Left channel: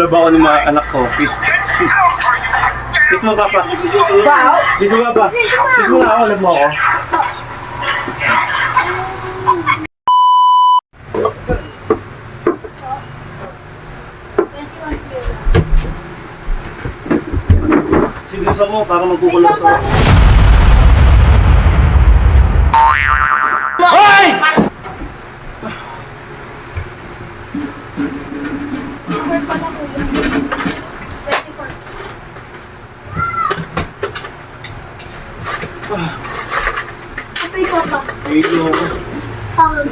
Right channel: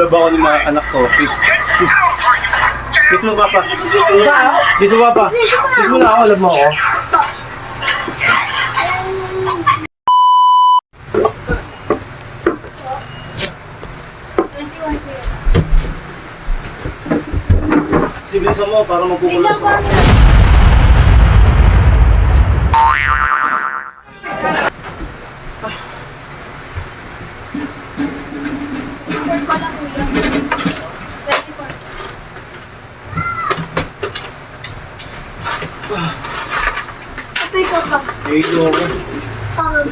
Love ako ng mga anak ko. Kiss. Kiss. Kiss mo, Papa. Kiss mo, Papa. Kiss mo na ako. Love mo ako. Sibilisan mo para magkukulos ako. Hoy! Okay po ba? Nahilo ako. Pagod.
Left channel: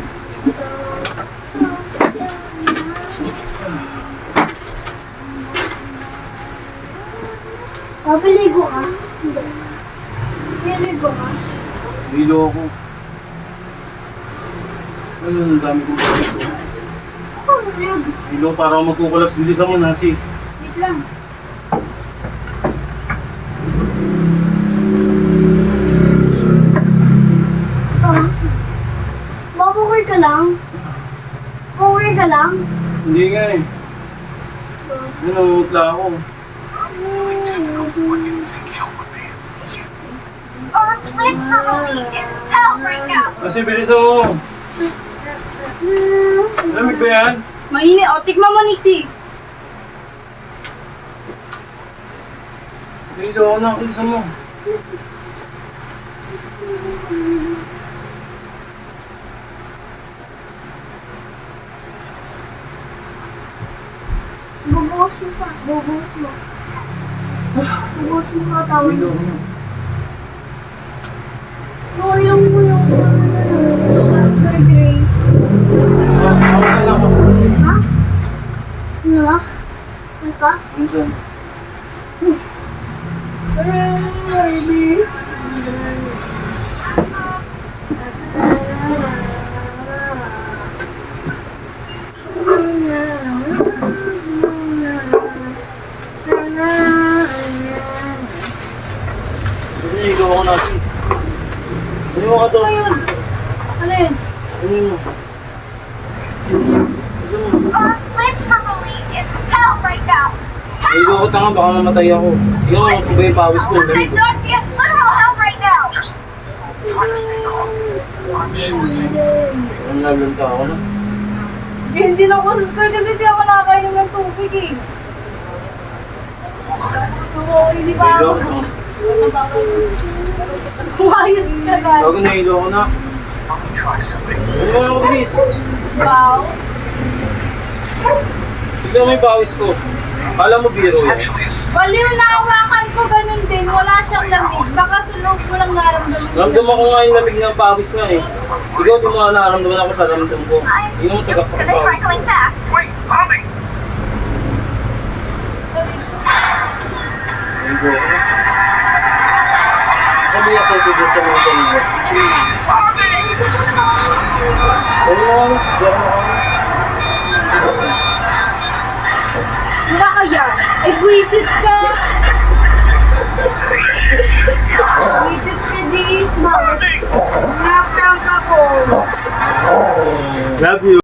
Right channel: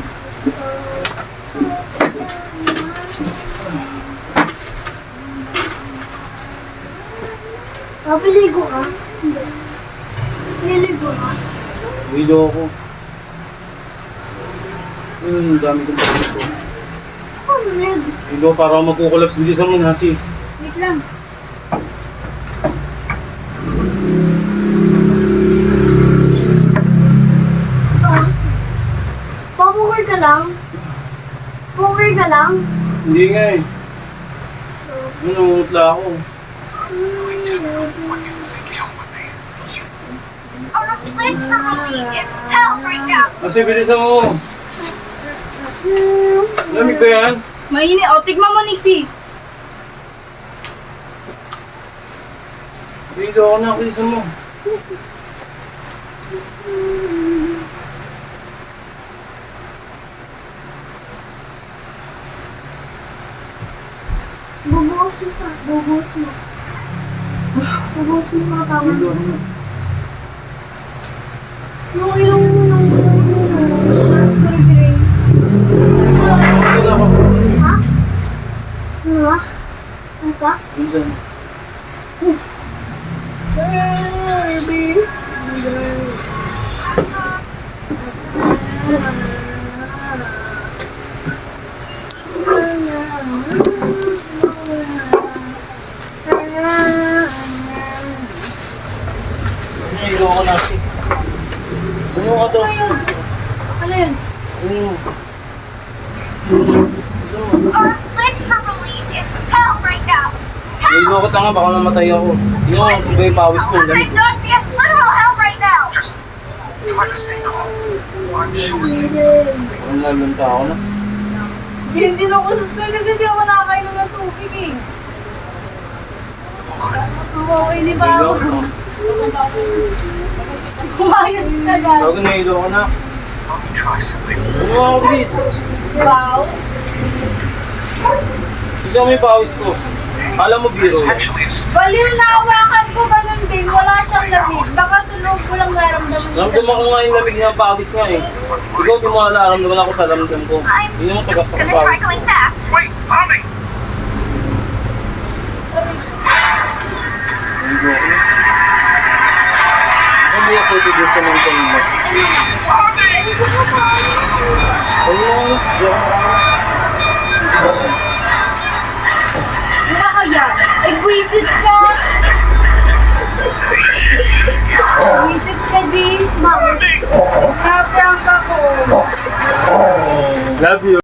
Papiligo ka? Hindi. Piligo ka? Nahilo ako. Ano, ang dami kong bakit ko. Ako rin. Nahilo para ako magkukulap. Sibilisan mo na, si. Wait lang. Babukay ka lang? Bukay ka lang? Hindi nga eh. Ano, utla ako. Or literally in hell right now. Kasi bilisan mo. Lamig ba yan? Mainit. O, tikman mo, Nixie. Nahilo ako na. Bilisan mo. Bubuhos mo sa... Bubuhos mo. Bubuhos mo katawan. Nahilo ako na. Sinulong mo yung... gray. Okay na ako. Ha? Ano ba? Ano ka? Minsan. Baby. Nahilo ako na, si. Ano mo ka to? Ano yun? Ano yun? Ano mo? Or literally in hell right now. Nahilo ako tanga. Baka mamatay ako. Sige mo, ba yung pawis ko? Lamig ko. God, be in literal hell right now. Just try to stay calm. I'm sure you Ang nalanta ako na. Hindi na ako suspend kasi hindi ako nakakainom ng tubig eh. Oo, hindi pa Nahilo ako. ako. Kumayos ka ba? Bago nahilo ako na. Let me try something. Ano mo ako, please? Wow. Hindi mo yung pawis ko. Kala mo biro It's yan. actually a Baliw na hawakan ko ganun din. Wala siyang lamig. Baka sa loob mo lang naramdaman siya. Ramdam ako nga yung lamig ng pawis nga eh. Ikaw di mo naramdaman ako sa ramdam ko. Hindi mo tagak ng pawis. going fast. Wait, mommy! Nahilo ako na. Hindi ako ito sa mga kanila. Huwag mo ako. Hindi ako makakala. Nakakaya. Ay, buwisit ka. Buwisit ka, di. Naprank ako. Love you.